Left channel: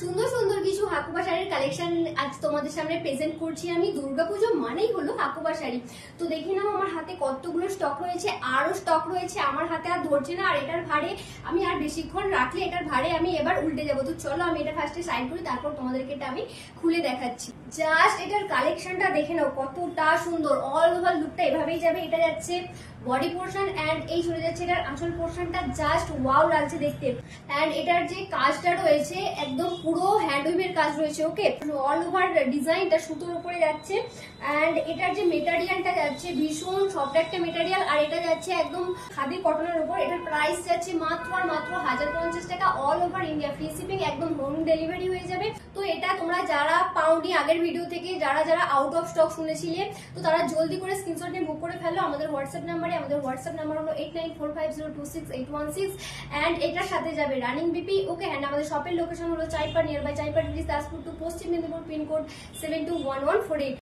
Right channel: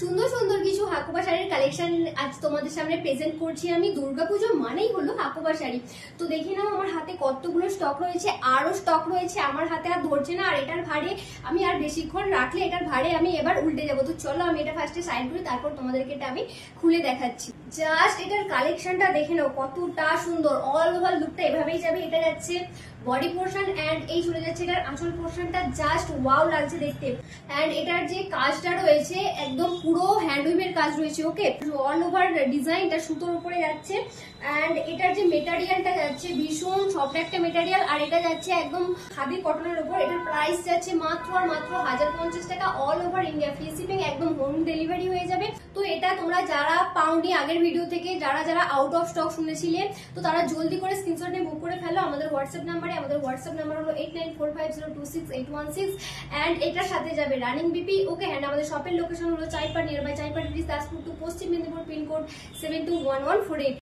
সুন্দর সুন্দর কিছু হাকুবা শাড়ির কালেকশন আজ তোমাদের সামনে প্রেজেন্ট করছি আমি। দুর্গাপুজো মানেই হলো হাকুবা শাড়ি। তো দেখে নাও আমার হাতে কতগুলো স্টক রয়েছে, আরো স্টক রয়েছে, আমার হাতে আর ধরছে না। আর এটার ভারে আমি আর বেশিক্ষণ রাখলে এটার ভারে আমি এবার উল্টে যাবো। তো চলো আমি এটা ফার্স্টে সাইড করি, তারপর তোমাদেরকে এটা আমি খুলে দেখাচ্ছি। জাস্ট এটার কালেকশনটা দেখে নাও কতটা সুন্দর। অল ওভার লুকটা এভাবেই যাবে। এটা যাচ্ছে বডি পোর্শন এন্ড এই চলে যাচ্ছে এটার আঁচল পোর্শনটা। জাস্ট ওয়াও লাগছে দেখতে। এন্ড এটার যে কাজটা রয়েছে একদম পুরো হ্যান্ডলুমের কাজ রয়েছে। ওকে, অল ওভার ডিজাইন এটা সুতোর উপরে যাচ্ছে। এন্ড এটার যে মেটেরিয়ালটা যাচ্ছে ভীষণ সফট একটা মেটেরিয়াল। আর এটা যাচ্ছে একদম খাদি কটনের উপর। এটার প্রাইস যাচ্ছে মাত্র আর মাত্র 1050 টাকা। All over India free shipping, একদম হোম ডেলিভারি হয়ে যাবে। তো এটা তোমরা যারা পাওনি আগের ভিডিও থেকে, যারা যারা আউট অফ স্টক শুনেছিলে, তো তারা জলদি করে স্ক্রিনশট নিয়ে বুক করে ফেলো আমাদের হোয়াটসঅ্যাপ নাম্বারে। আমাদের হোয়াটসঅ্যাপ নাম্বার হলো 8945026816 এন্ড এটার সাথে যাবে রানিং বিপি। ওকে, এন্ড আমাদের শপের লোকেশন হলো Chaipar, near by Chaipar bridge, Tajpur to Paschim Medinipur, pin code 721148।